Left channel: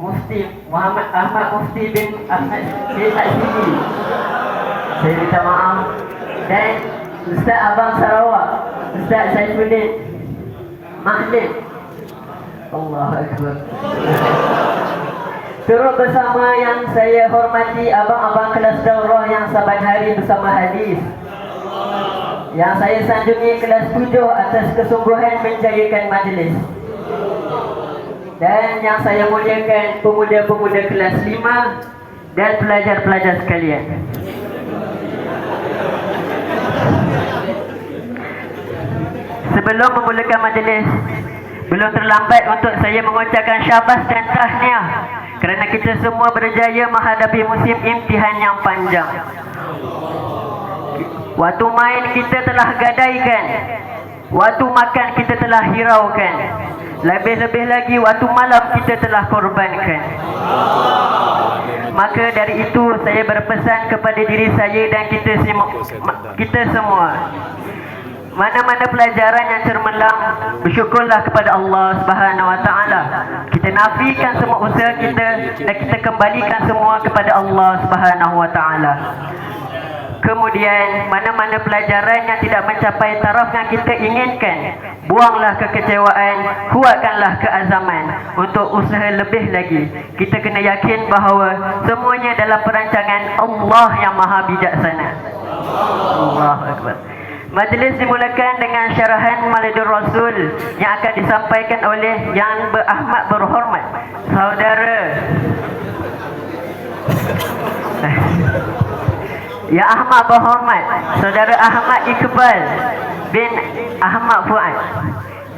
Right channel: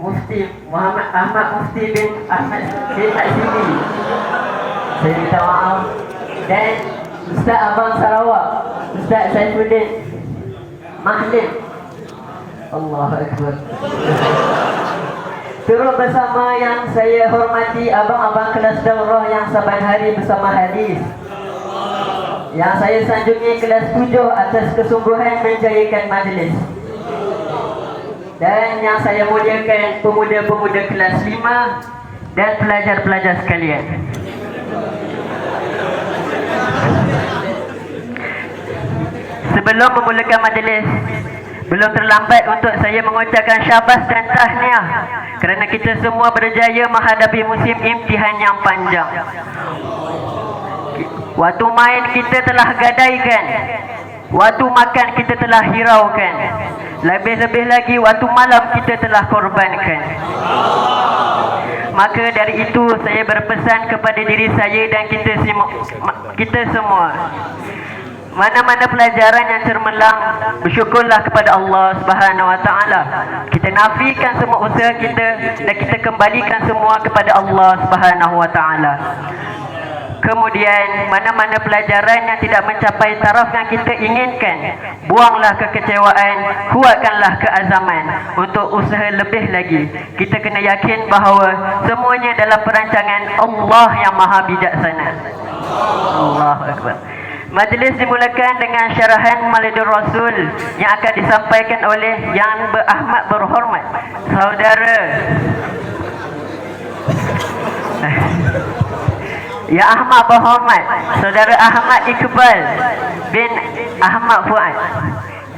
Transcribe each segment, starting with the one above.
Mufti Muhammad Ahmad Mufti bin Ahmad bin Azizi. Saya minta maaf. Dan Ustaz Abang Sarawak, Ustaz Saifuddin Mahdim. Allahu Akbar. Turut bersama yang saya hormati abang-abang kelas daurah yang saban hari bersama hadis. Yang saya sanjungi kelas 7 atas kesungguhan menjayakan majlis. Dan yang saya muliakan pemuda-pemuda kelas 5 dan pelajar-pelajar sekalian. Sebelum memulakan majlis, belum terlambat untuk saya mengucapkan syabas dan tahniah kerana kita semua berjaya menghadapi musim imtihan yang panjang. Waktu main kita telah gadaikan, waktu makan kita telah hiraukan, lebih-lebih lagi waktu malam kita telah korbankan. Maka dari itu saya berpesan kepada diri saya dan kita semua, mana-mana pelajaran yang cermelang, bersyukurlah kepada Allah Subhanahu Wa Taala. Kita nafikan semua usaha kita dan kita kembalikan semua kepada Allah Subhanahu Wa Taala. Kemudian mana-mana pelajaran yang tidak mencapai taraf yang kita inginkan, buanglah kekecewaan, kuatkanlah keazaman untuk usaha lebih lagi. Kita kena yakin bahawa semuanya dalam perancangan Allah yang Maha Bijaksana. Allahu Akbar. Majlis dimulakan dengan syarahan Maulidur Rasul yang akan disampaikan oleh Yang Berakhmat Berhormat Saudara Yang Ahmad Berhormat Saudara Ahmad Iqbal bin Ahmad Fuad.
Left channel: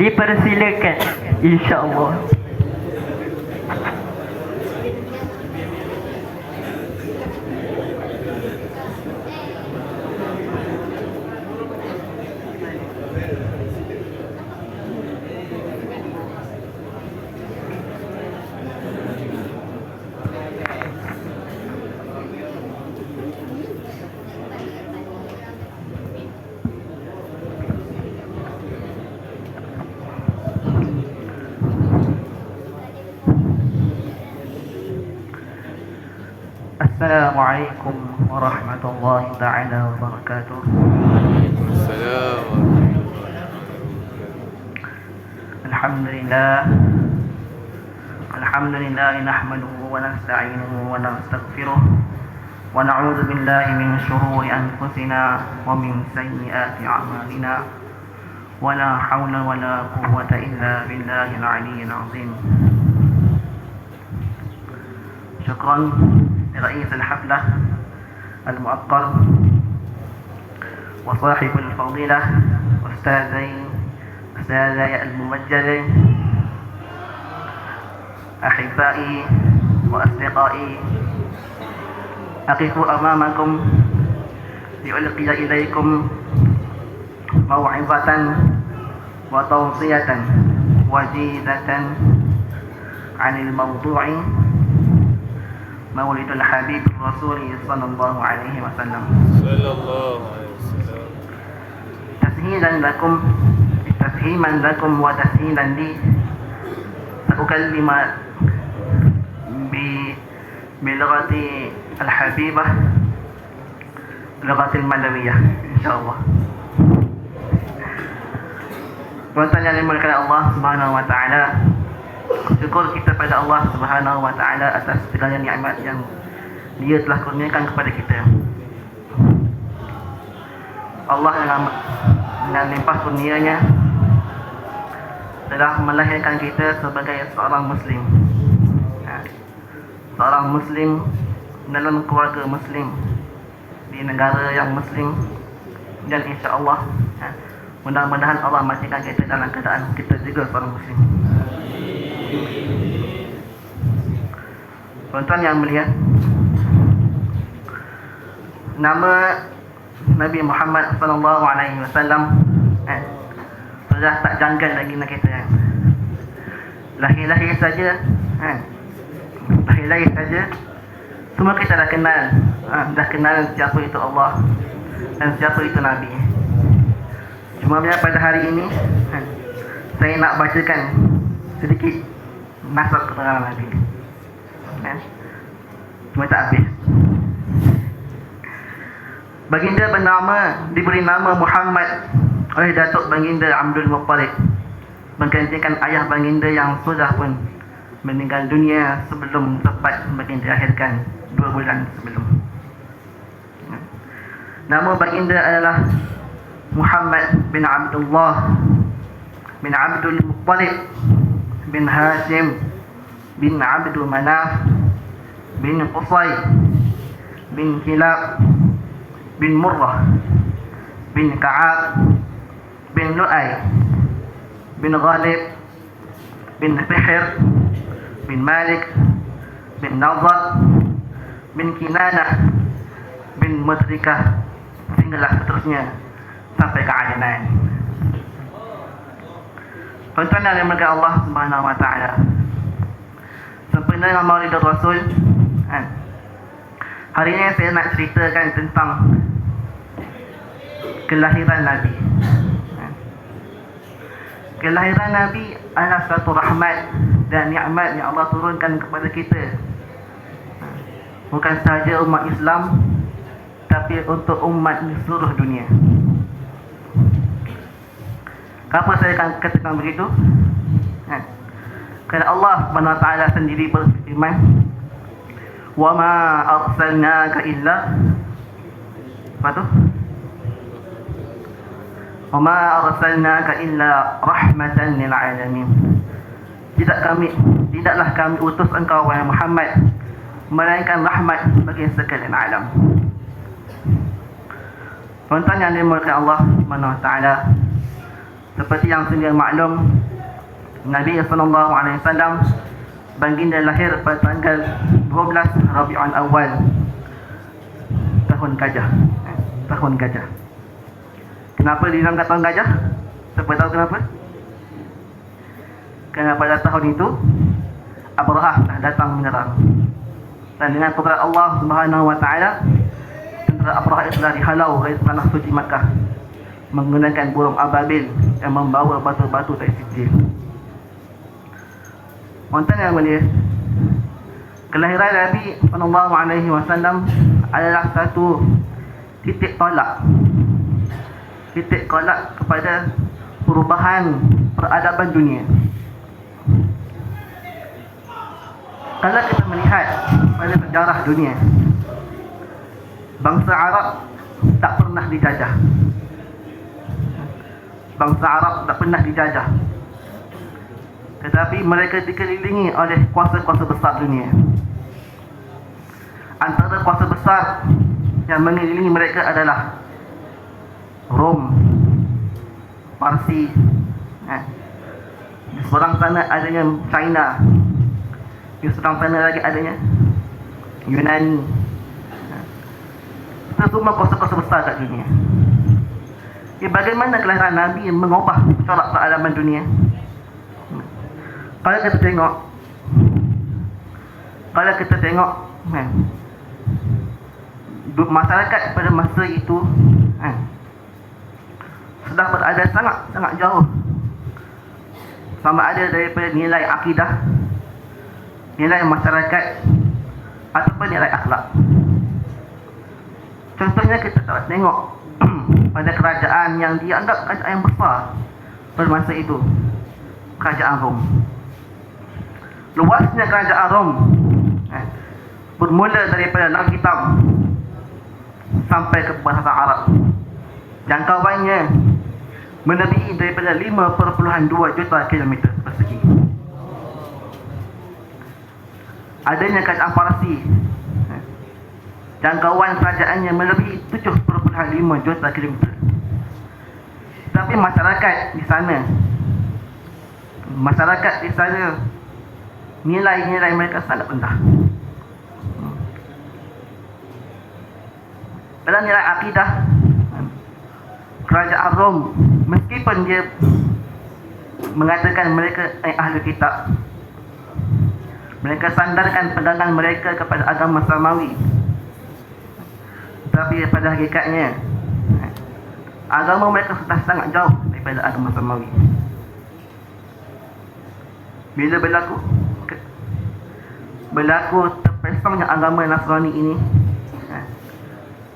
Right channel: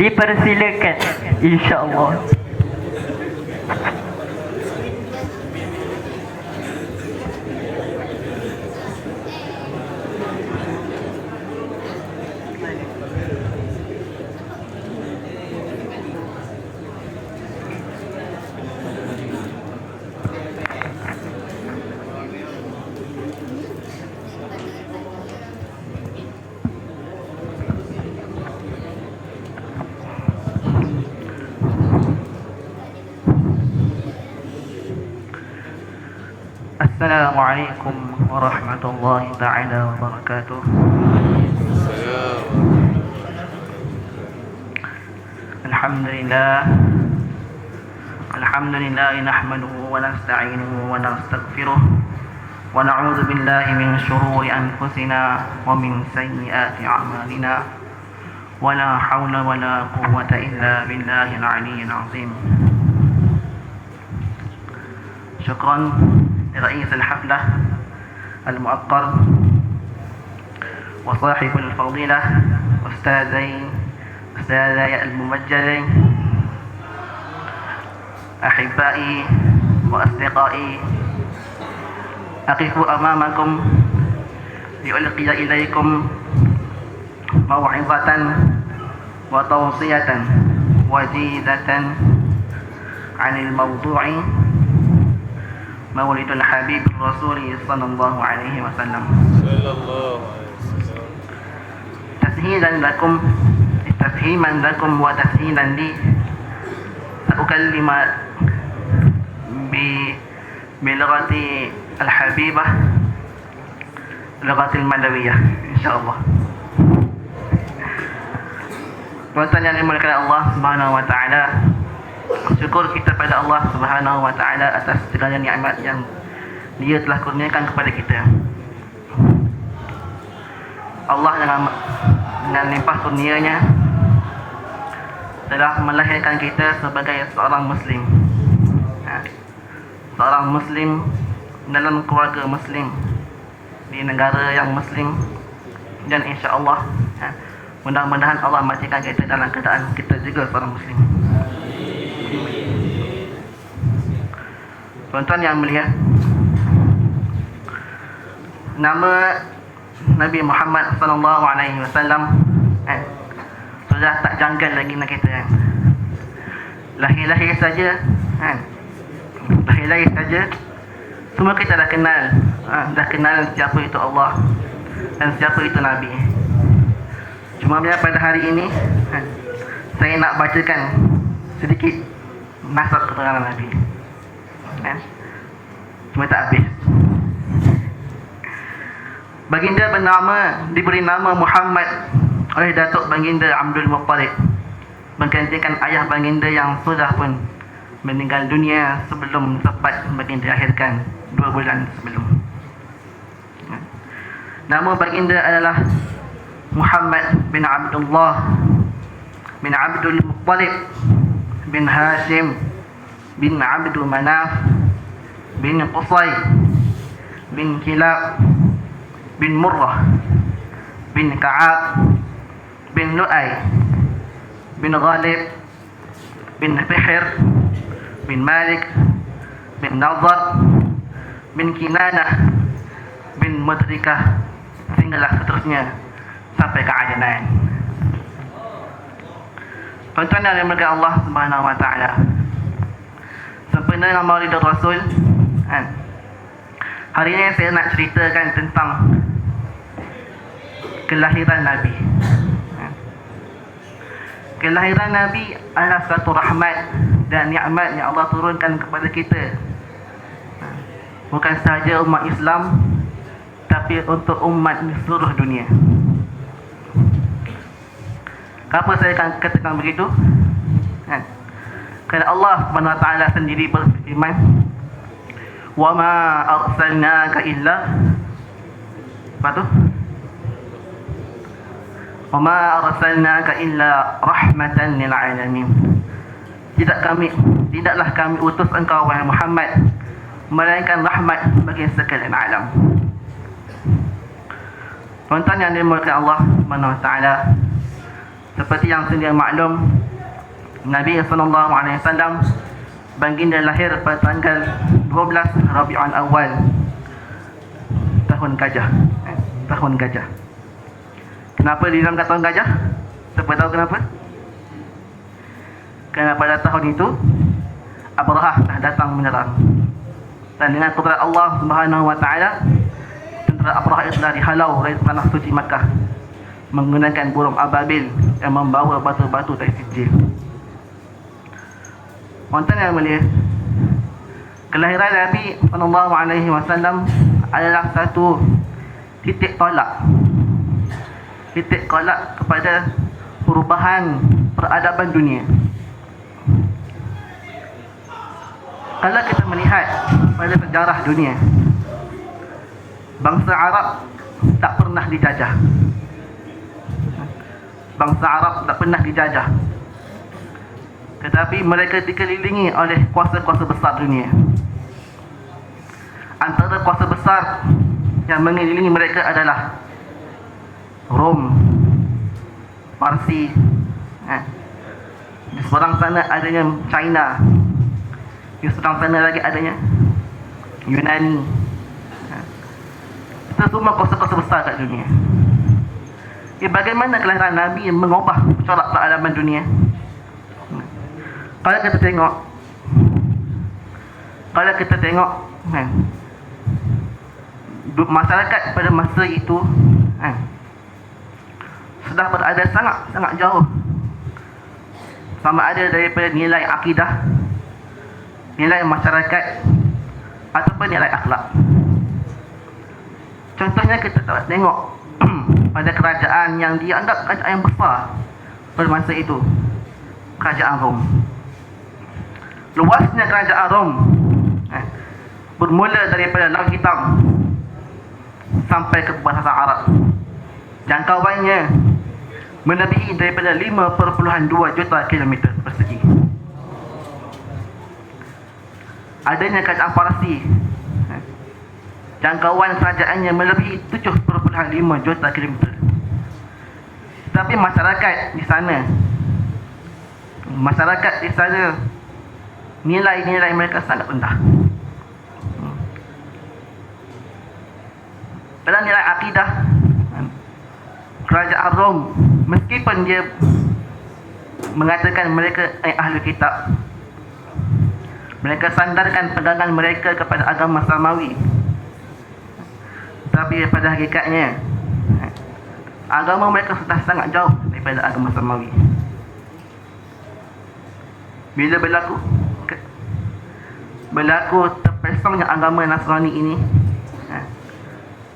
Dipersilakan, insya-Allah. Assalamualaikum warahmatullahi ta'ala wabarakatuh. Alhamdulillah nahmaduhu wa nasta'inuhu wa nastaghfiruh wa na'udzu billahi min shururi anfusina wa min sayyiati a'malina wa la hawla wa la quwwata illa billahil 'aliyyil 'azim. Syukran رئيس الحفلة المؤقر وصاحب الفضيلة أستاذي الممجدين، أحبائي وأصدقائي، أقف أمامكم لألقي إليكم موعظة وتوصية وجيزة عن الموضوع مولد الحبيب الرسول صلى الله عليه وسلم. تفهيما لكم وتسهيلا لي سأكلم بلغة الحبيبة، لغة الملوية إن شاء الله. Tuan-tuan yang dimuliakan Allah Subhanahu Wa Taala, syukur kita pada Allah Subhanahu Wa Taala atas segala nikmat yang Dia telah kurniakan kepada kita. Allah dengan limpah kurnianya telah melahirkan kita sebagai seorang Muslim, seorang Muslim dalam keluarga Muslim di negara yang Muslim, dan insya-Allah mudah-mudahan Allah matikan kita dalam keadaan kita juga seorang Muslim. Tuan-tuan yang mulia, nama Nabi Muhammad sallallahu alaihi wasallam sudah tak janggal lagi nak kita. Lahir-lahir saja, lahir-lahir saja semua kita dah kenal siapa itu Allah dan siapa itu Nabi. Cuma pada hari ini saya nak bacakan sedikit nasab keterangan Nabi. Cuma tak habis. Baginda diberi nama Muhammad oleh Datuk Baginda Abdul Muttalib, menggantikan ayah baginda yang sudah pun meninggal dunia sebelum tepat baginda dilahirkan 2 bulan sebelum. Nama baginda adalah Muhammad bin Abdullah bin Abdul Muttalib bin Hashim bin Abdul Manaf bin Qusay bin Kilab bin Murrah bin Ka'ab bin Lu'ay bin Ghalib bin Fihr bin Malik bin Nadar bin Kinanah bin Mudrikah, sehinggalah seterusnya sampai ke Adnan. Tuan-tuan yang dimuliakan Allah Subhanahu wa taala, sempena dengan Maulid Rasul, hari ini saya nak ceritakan tentang kelahiran Nabi. Kelahiran Nabi adalah satu rahmat dan nikmat yang Allah turunkan kepada kita, bukan sahaja umat Islam, tapi untuk umat seluruh dunia. Kenapa saya akan katakan begitu? Kerana Allah SWT sendiri berfirman, "Wa ma arsalnaka illa" apa tu? "Wa ma arsalnaka illa rahmatan lil alamin." Tidaklah kami utus engkau wahai Muhammad melainkan rahmat bagi sekalian alam. Tuan-tuan yang dimuliakan Allah SWT, seperti yang sedia maklum, Nabi SAW baginda lahir pada tanggal 12 Rabiul Awal, tahun gajah. Tahun gajah. Kenapa dinamakan tahun gajah? Siapa tahu kenapa? Kerana pada tahun itu Abrahah dah datang menyerang, dan dengan kudrat Allah Subhanahu wa taala, tentera Abrahah itu telah dihalau dari tanah suci Makkah menggunakan burung ababil yang membawa batu-batu dari sijil. Tuan-tuan yang mulia, kelahiran Nabi SAW adalah satu titik tolak kepada perubahan peradaban dunia. Kalau kita melihat pada sejarah dunia, bangsa Arab tak pernah dijajah. Bangsa Arab tak pernah dijajah, tetapi mereka dikelilingi oleh kuasa-kuasa besar dunia. Antara kuasa besar yang mengelilingi mereka adalah Rom, Parsi. Di seberang sana adanya China, di seberang sana lagi adanya Yunani. Itu semua kuasa-kuasa besar kat dunia. Bagaimana kelahiran Nabi yang mengubah corak peradaban dunia? Kalau kita tengok masyarakat pada masa itu sudah berada sangat jauh, sama ada daripada nilai akidah, nilai masyarakat, ataupun nilai akhlak. Contohnya kita dapat tengok pada kerajaan yang dianggap kerajaan yang besar pada masa itu, kerajaan Rom. Luasnya kerajaan Rom bermula daripada Laut Hitam sampai ke bahasa Arab. Jangkauannya melebihi daripada 5.2 juta kilometer persegi. Adanya kerajaan Parsi, jangkauan kerajaannya melebihi 7.5 juta kilometer. Tapi masyarakat di sana nilai-nilai mereka sangat rendah. Pada nilai akidah, kerajaan Rom, meskipun dia mengatakan mereka ahli kitab, mereka sandarkan pegangan mereka kepada agama Samawi, tapi pada hakikatnya agama mereka sudah sangat jauh daripada agama Samawi. Bila berlaku berlaku terpesongnya agama Nasrani ini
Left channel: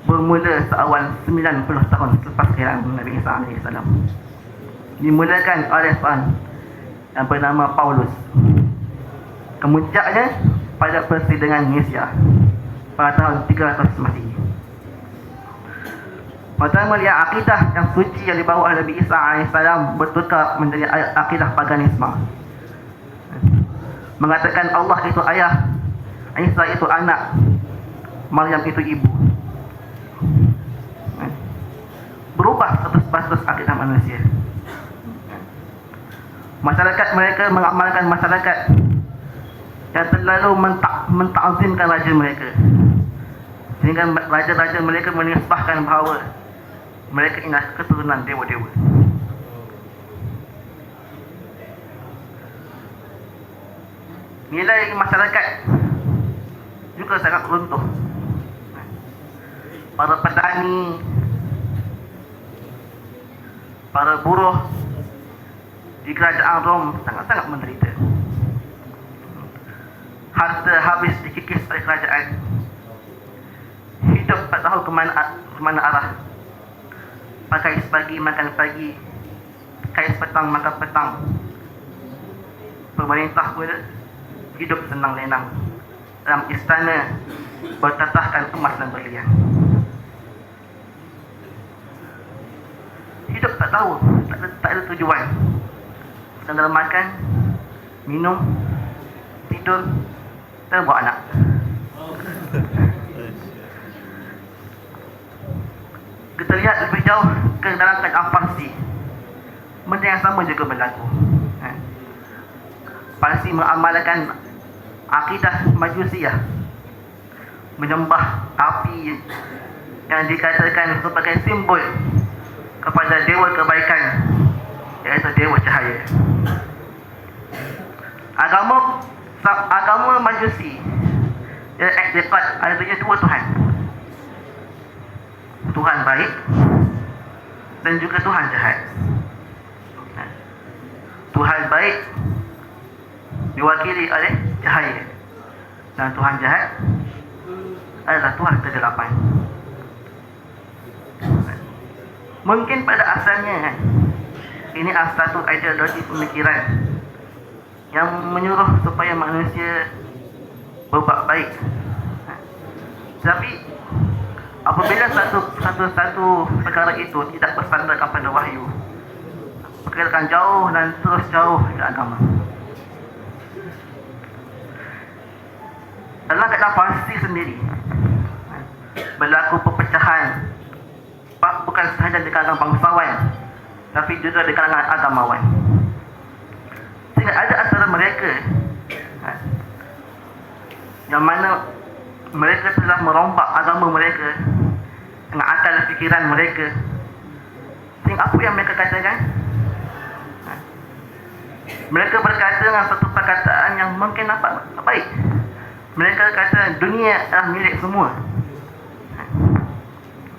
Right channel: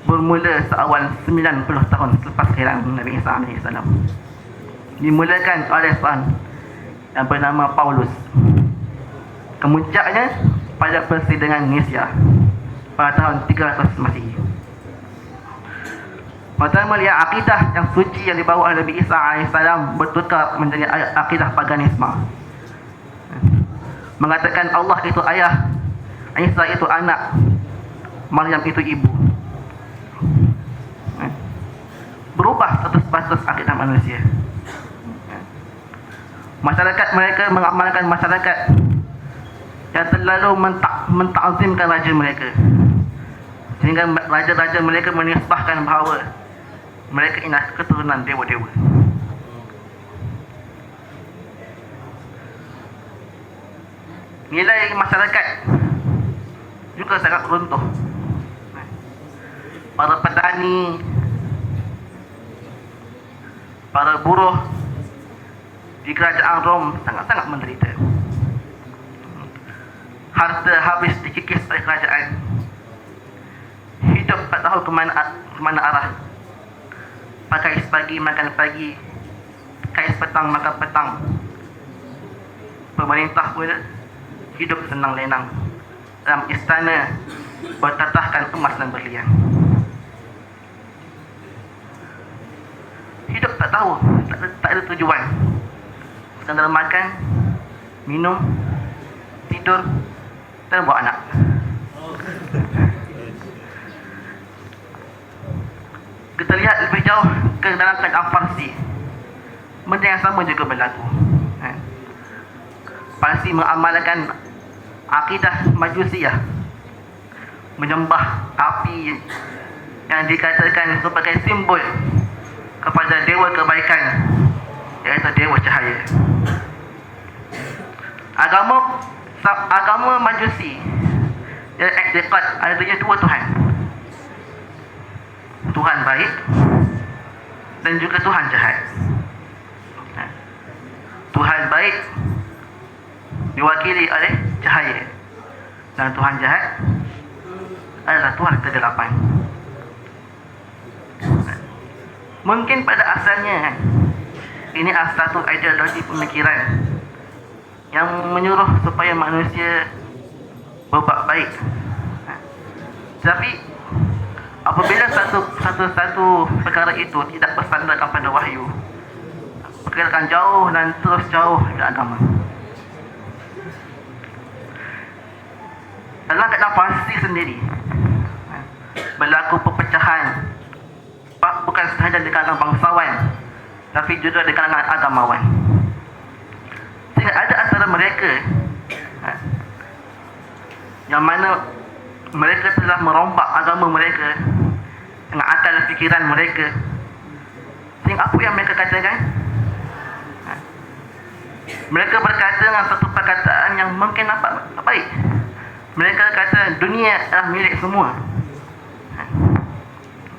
bermula seawal 90 tahun selepas kelahiran Nabi Isa AS. Dimulakan oleh seorang yang bernama Paulus. Kemuncaknya pada persidangan Nicea pada tahun 300 Masihi. Pertama, lihat akidah yang suci yang dibawa oleh Nabi Isa AS bertukar menjadi akidah paganisme. Mengatakan Allah itu ayah, Isa itu anak, Maryam itu ibu. Berubah status akidah manusia. Masyarakat mereka mengamalkan masyarakat yang terlalu mentakzimkan raja mereka, sehingga raja-raja mereka menisbahkan bahawa mereka ini keturunan dewa-dewa. Nilai masyarakat juga sangat runtuh. Para petani, para buruh di kerajaan Rom sangat-sangat menderita. Harta habis dikikis oleh kerajaan. Hidup tak tahu ke mana arah. Pakai pagi makan pagi, kais petang makan petang. Pemerintah pun hidup senang lenang dalam istana bertatahkan emas dan berlian. Hidup tak tahu, tak ada tujuan. Sekadar makan, minum, tidur dan buat anak. Kita lihat lebih jauh ke dalam kerajaan Parsi, benda yang sama juga berlaku. Parsi mengamalkan akidah Majusiyah, menyembah api yang dikatakan sebagai simbol kepada dewa kebaikan, iaitu dewa cahaya. Agama Majusi dia iktikad adanya dua Tuhan, Tuhan baik dan juga Tuhan jahat. Tuhan baik diwakili oleh cahaya, dan Tuhan jahat adalah Tuhan kegelapan. Mungkin pada asalnya ini satu ideologi pemikiran yang menyuruh supaya manusia berbuat baik. Tapi apabila satu perkara itu tidak bersandarkan pada wahyu, perkara akan jauh dan terus jauh dari agama. Dalam keadaan Parsi sendiri berlaku perpecahan, bukan sahaja di kalangan bangsawan, tapi juga di kalangan agamawan. Sehingga ada antara mereka yang mana mereka telah merombak agama mereka dengan akal fikiran mereka. Sehingga apa yang mereka katakan? Mereka berkata dengan satu perkataan yang mungkin nampak baik. Mereka kata dunia adalah milik semua.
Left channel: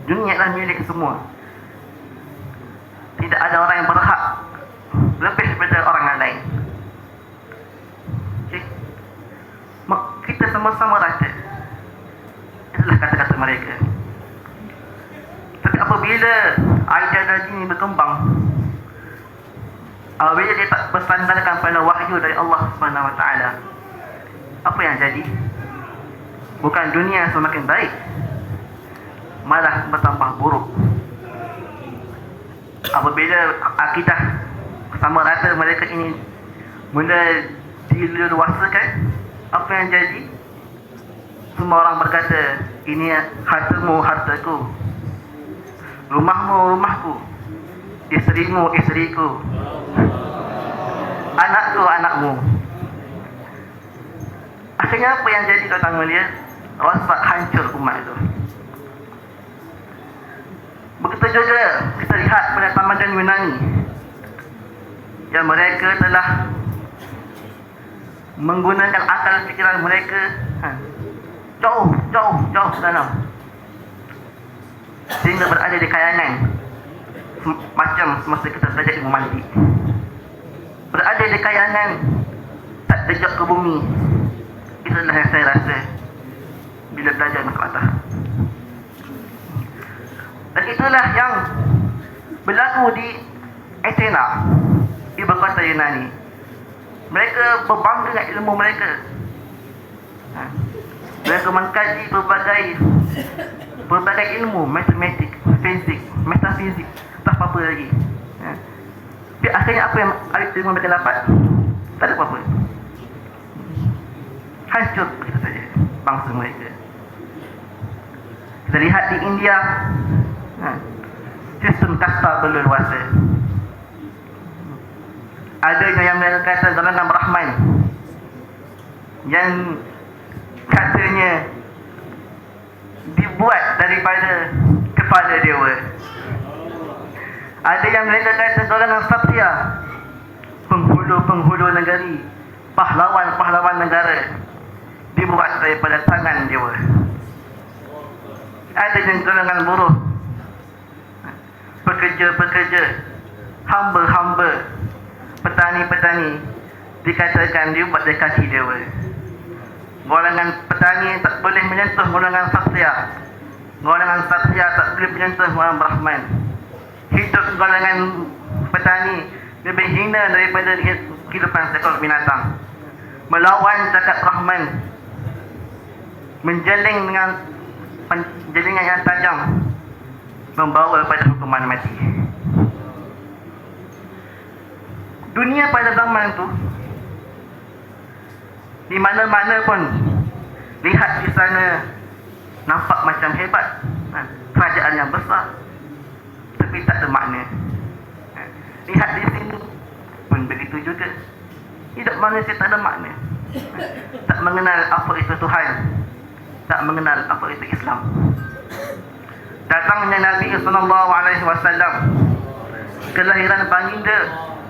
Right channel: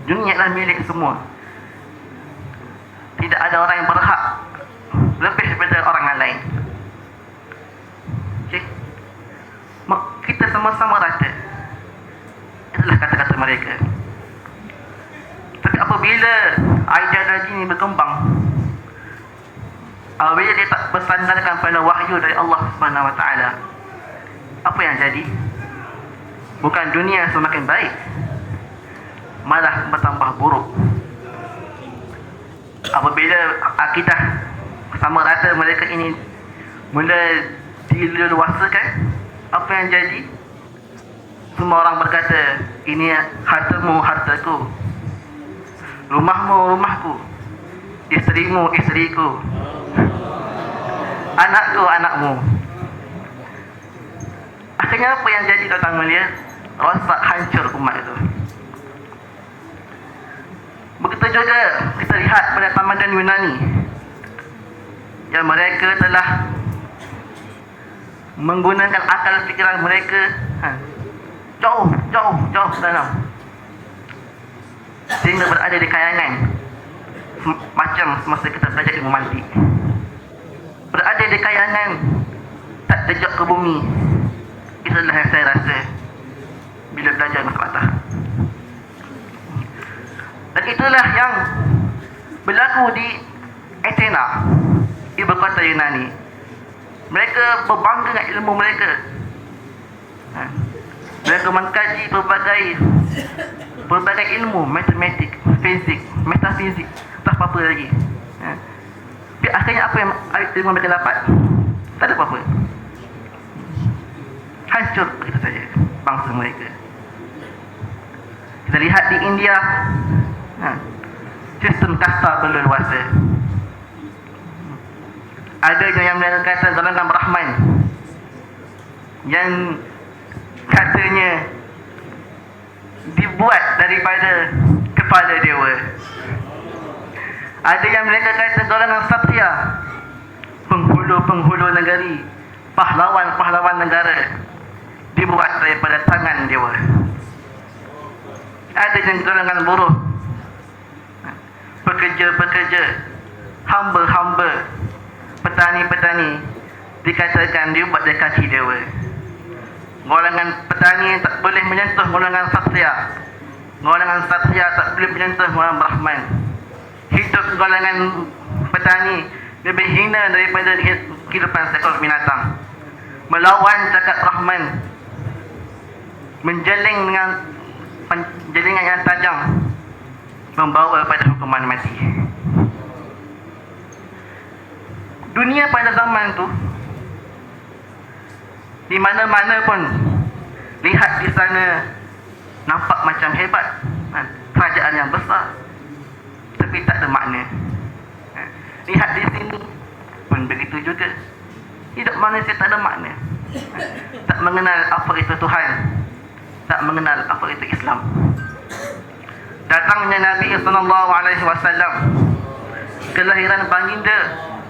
Dunia adalah milik semua. Tidak ada orang yang berhak lebih daripada orang yang lain. Okay? Kita sama-sama rata. Itulah kata-kata mereka. Tapi apabila ideologi ini berkembang, apabila dia tak bersandarkan pada wahyu dari Allah SWT, apa yang jadi? Bukan dunia semakin baik, malah bertambah buruk. Apabila akidah sama rata mereka ini mula dileluasakan, apa yang jadi? Semua orang berkata, ini hartamu, hartaku, rumahmu, rumahku, isterimu, isteriku, anakku, anakmu. Akhirnya apa yang jadi, tuan-tuan mulia? Rosak, hancur umat itu. Begitu juga kita lihat pada tamadun Yunani, yang mereka telah menggunakan akal fikiran mereka jauh dalam, sehingga berada di kayangan macam semasa kita belajar ilmu mantik. Berada di kayangan, tak terjun ke bumi. Itulah yang saya rasa bila belajar masalah. Dan itulah yang berlaku di Athena, ibu kota Yunani. Mereka berbangga dengan ilmu mereka. Mereka mengkaji pelbagai ilmu, matematik, fizik, metafizik, tak apa-apa lagi. Tapi akhirnya apa yang ilmu mereka dapat? Tak ada apa-apa. Hancur begitu saja bangsa mereka. Kita lihat di India, sistem kasta berleluasa. Ada yang mereka kata golongan Brahman yang katanya dibuat daripada kepala dewa. Ada yang mereka kata golongan Satria, penghulu-penghulu negeri, pahlawan-pahlawan negara, dibuat daripada tangan dewa. Ada yang golongan buruh, pekerja-pekerja, hamba-hamba, petani-petani, dikatakan dibuat dari kaki dewa. Golongan petani tak boleh menyentuh golongan Satria, golongan Satria tak boleh menyentuh golongan Brahman. Hidup golongan petani lebih hina daripada kehidupan seekor binatang. Melawan cakap Brahman, menjeling dengan jelingan yang tajam, membawa pada hukuman mati. Dunia pada zaman itu, di mana-mana pun lihat di sana nampak macam hebat, kerajaan yang besar, tapi tak ada makna. Lihat di sini pun begitu juga. Hidup manusia tak ada makna. Tak mengenal apa itu Tuhan, tak mengenal apa itu Islam. Datangnya Nabi SAW, kelahiran baginda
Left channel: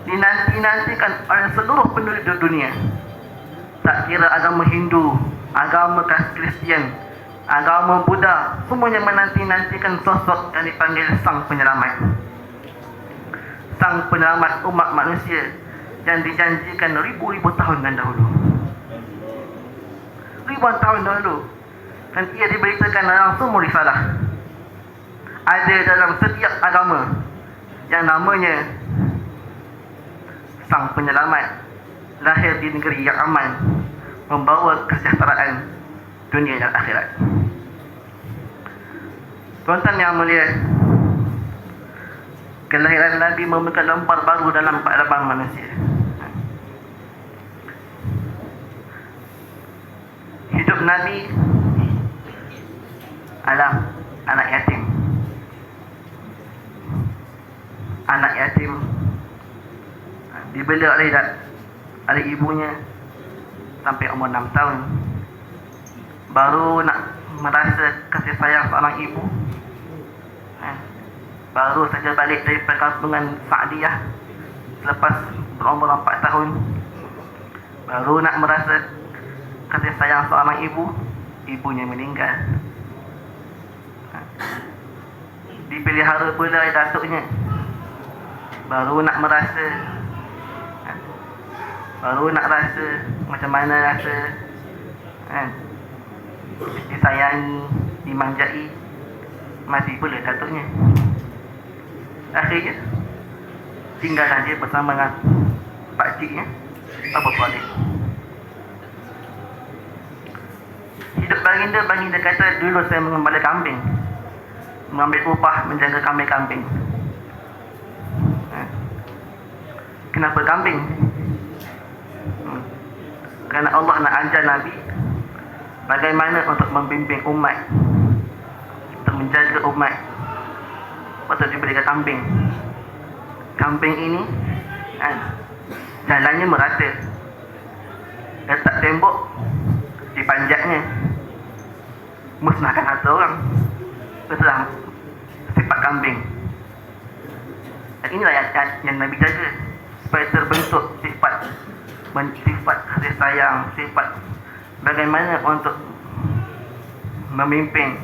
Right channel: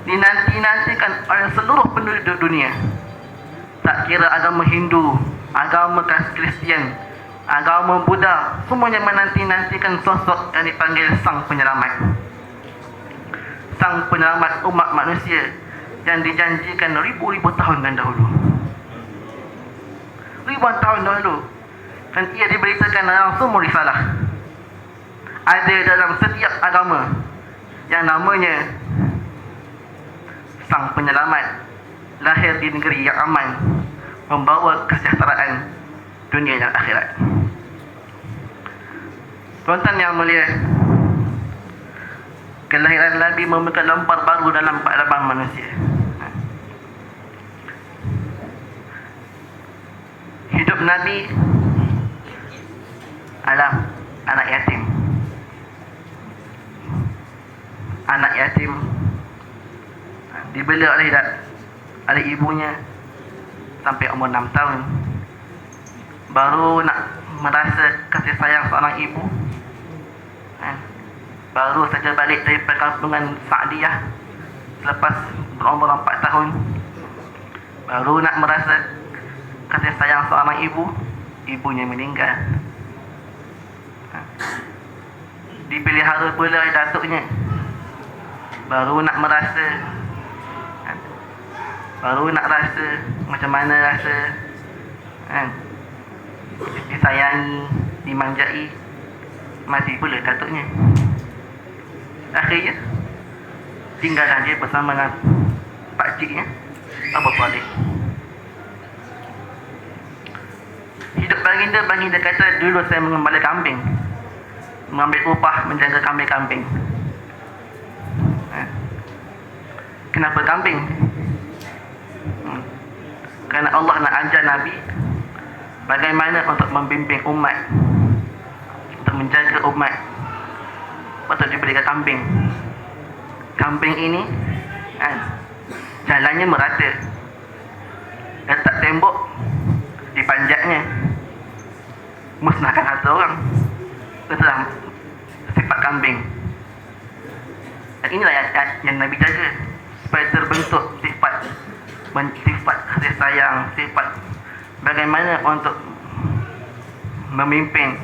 dinanti-nantikan oleh seluruh penduduk dunia. Tak kira agama Hindu, agama Kristian, agama Buddha, semuanya menanti-nantikan sosok yang dipanggil Sang Penyelamat. Sang Penyelamat umat manusia yang dijanjikan ribu-ribu tahun dahulu. Ribuan tahun dahulu. Dan ia diberitakan dalam semua risalah. Ada dalam setiap agama yang namanya Sang Penyelamat lahir di negeri yang aman, membawa kesejahteraan dunia dan akhirat. Tuan-tuan yang mulia, kelahiran Nabi membuka lembar baru dalam peradaban manusia. Hidup Nabi adalah anak yatim. Anak yatim dibela oleh ibunya sampai umur 6 tahun. Baru nak merasa kasih sayang seorang ibu, baru saja balik dari perkampungan Sa'diyah selepas berumur 4 tahun. Baru nak merasa kasih sayang seorang ibu, ibunya meninggal. Dipelihara pula oleh datuknya. Baru nak rasa macam mana rasa disayangi, dimanjai, mati pula datuknya. Akhirnya tinggallah dia bersama dengan pakciknya, Abu Talib. Hidup baginda kata, dulu saya mengembala kambing, mengambil upah menjaga kambing-kambing. Kenapa kambing? Kerana Allah nak ajar Nabi bagaimana untuk membimbing umat, untuk menjaga umat. Patut diberikan kambing. Kambing ini jalannya merata, letak tembok di panjatnya, musnahkan harta orang. Itulah sifat kambing. Dan inilah yang Nabi jaga, supaya terbentuk sifat kasih sayang, sifat bagaimana untuk memimpin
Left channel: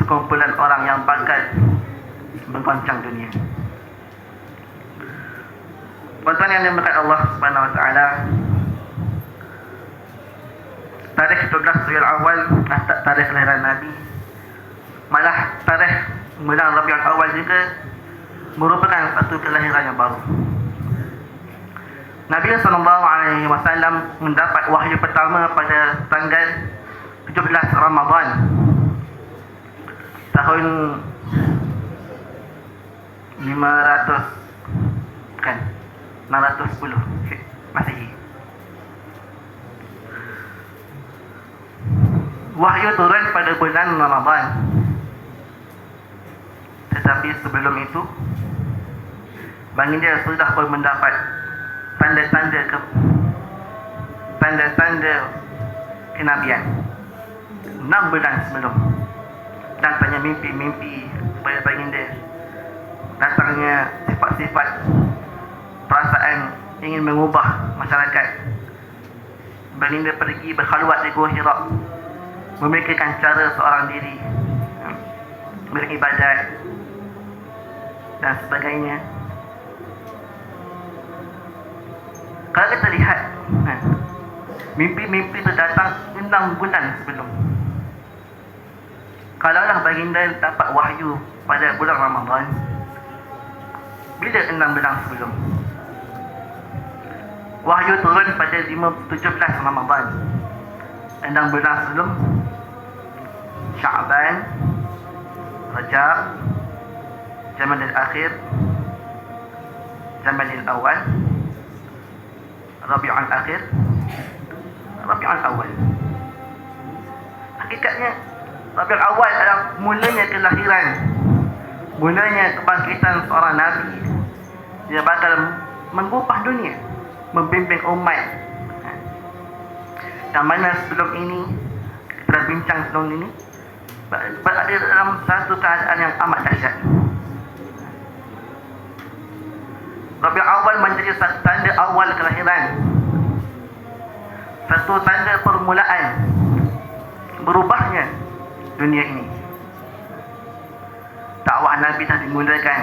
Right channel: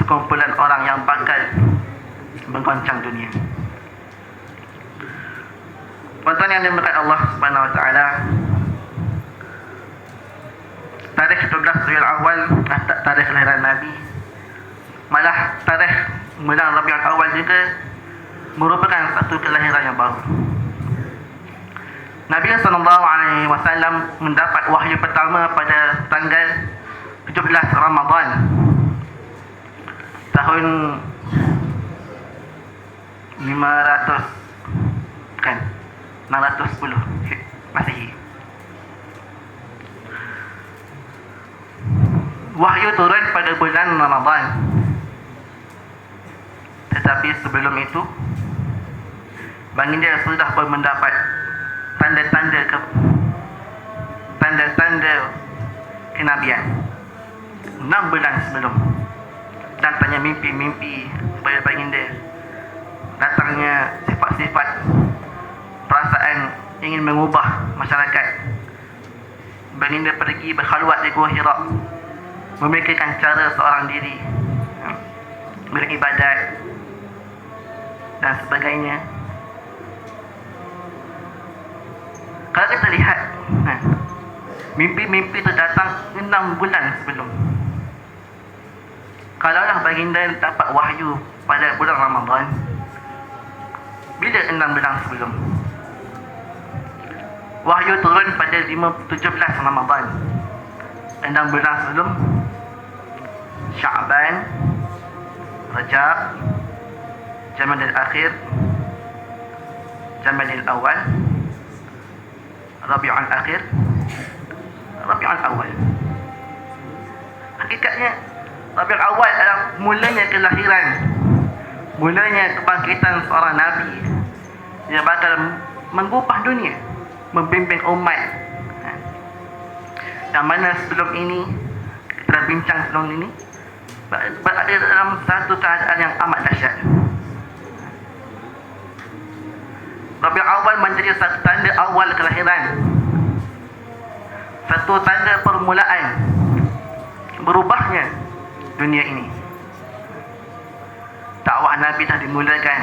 sekumpulan orang yang bakal menggoncang dunia. Tuan-tuan yang dimuliakan Allah Subhanahu Wa Taala, tarikh 12 Rabiul Awal tarikh kelahiran Nabi, malah tarikh bulan Rabiul Awal juga merupakan satu kelahiran yang baru. Nabi SAW mendapat wahyu pertama pada tanggal 17 Ramadan tahun 610 Masihi. Wahyu turun pada bulan Ramadan. Tetapi sebelum itu baginda sudah pun mendapat tanda-tanda kenabian 6 bulan sebelum. Datangnya mimpi-mimpi kepada baginda, datangnya sifat-sifat perasaan ingin mengubah masyarakat. Baginda pergi berkhalwat di Gua Hira, memikirkan cara seorang diri beribadat dan sebagainya. Kalau kita lihat mimpi-mimpi itu datang 6 bulan sebelum. Kalaulah baginda dapat wahyu pada bulan Ramadan, bila 6 bulan sebelum? Wahyu turun pada 17 Ramadan, 6 bulan sebelum. Sya'ban, Rajab, Jamadil Akhir, Jamadil Awal, Rabiul Akhir, Rabiul Awal. Hakikatnya Rabiul Awal adalah mulanya kelahiran, mulanya kebangkitan seorang Nabi yang bakal mengubah dunia, membimbing umat. Yang mana sebelum ini, kita dah bincang sebelum ini, berada dalam satu keadaan yang amat dahsyat. Rabiul Awal menjadi satu tanda awal kelahiran, satu tanda permulaan berubahnya dunia ini. Dakwah Nabi dah dimulakan.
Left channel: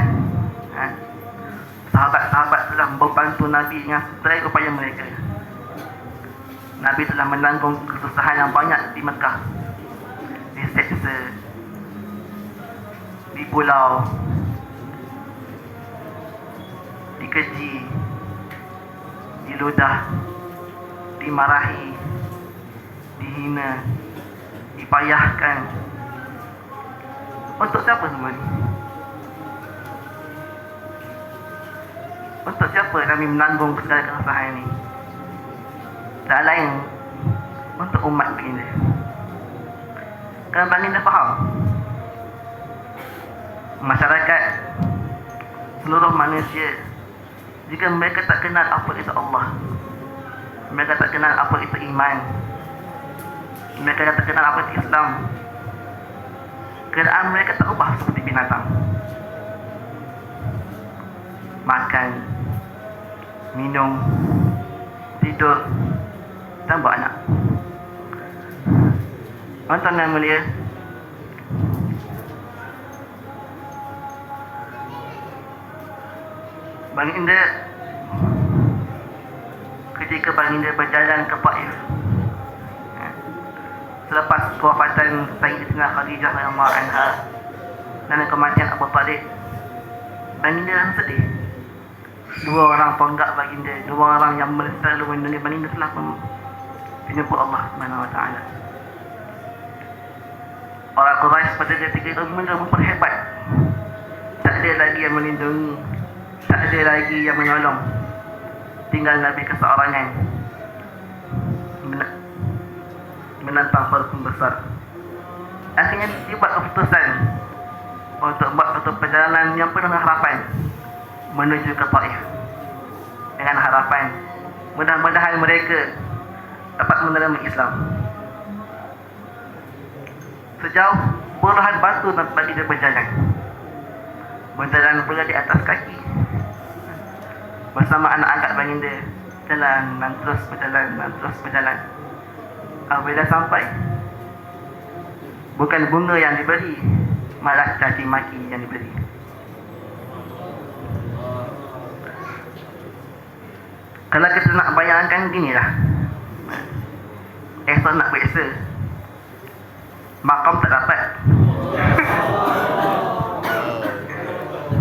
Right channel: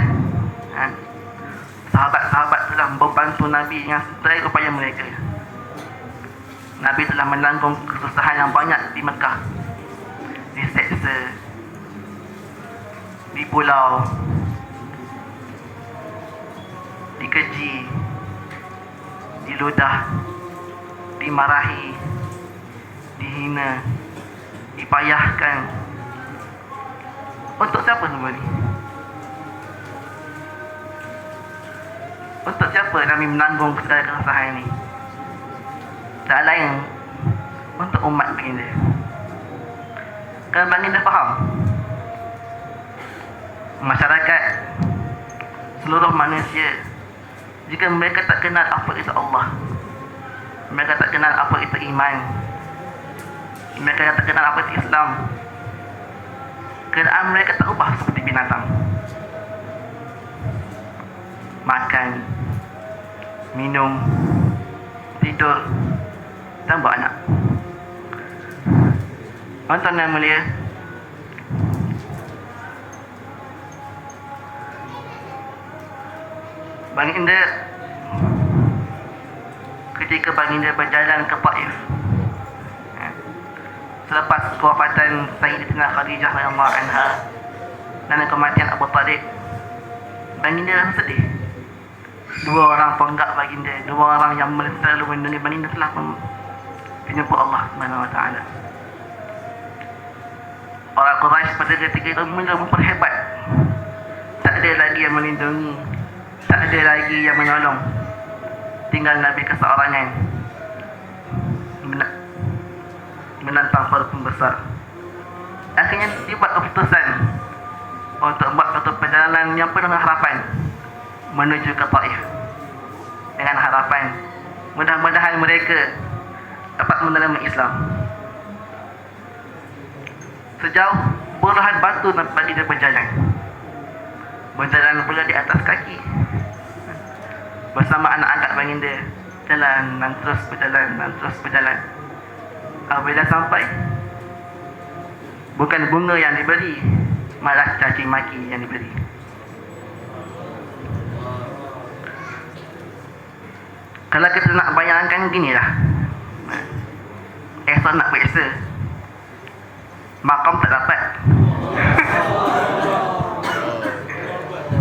Sahabat-sahabat telah membantu Nabi yang sebaik upaya mereka. Nabi telah menanggung kesusahan yang banyak di Mekah, diseksa, di pulau, dikeji, diludah, dimarahi, dihina, dipayahkan. Untuk siapa semua ni? Untuk siapa Nabi menanggung segala kesusahan ini? Tak lain untuk umat baginda. Kerana baginda faham masyarakat, seluruh manusia, jika mereka tak kenal apa itu Allah, mereka tak kenal apa itu iman, mereka tak kenal apa itu Islam, keadaan mereka tak ubah seperti binatang. Makan, minum, tidur, dan beranak. Tuan-tuan yang mulia, baginda ketika baginda berjalan ke Taif selepas kewafatan Sayyidatina Khadijah radhiyallahu anha dan kematian Abu Talib, baginda rasa sedih. Dua orang penggak baginda, dua orang yang selalu melindungi baginda telah menjumpa Allah Subhanahu wa taala. Orang Quraisy pada ketika itu mula memperhebat. Tak ada lagi yang melindungi, tak ada lagi yang menolong. Tinggal Nabi keseorangan menantang para pembesar. Akhirnya dibuat keputusan untuk buat satu perjalanan yang penuh harapan menuju ke Taif, dengan harapan mudah-mudahan mereka dapat menerima Islam. Sejauh puluhan batu bagi dia berjalan pula di atas kaki bersama anak-anak baginda, jalan dan terus berjalan. Apabila sampai, bukan bunga yang diberi, malah caci maki yang diberi. Kalau kita nak bayangkan ginilah, Ihsan nak periksa. Makam tak dapat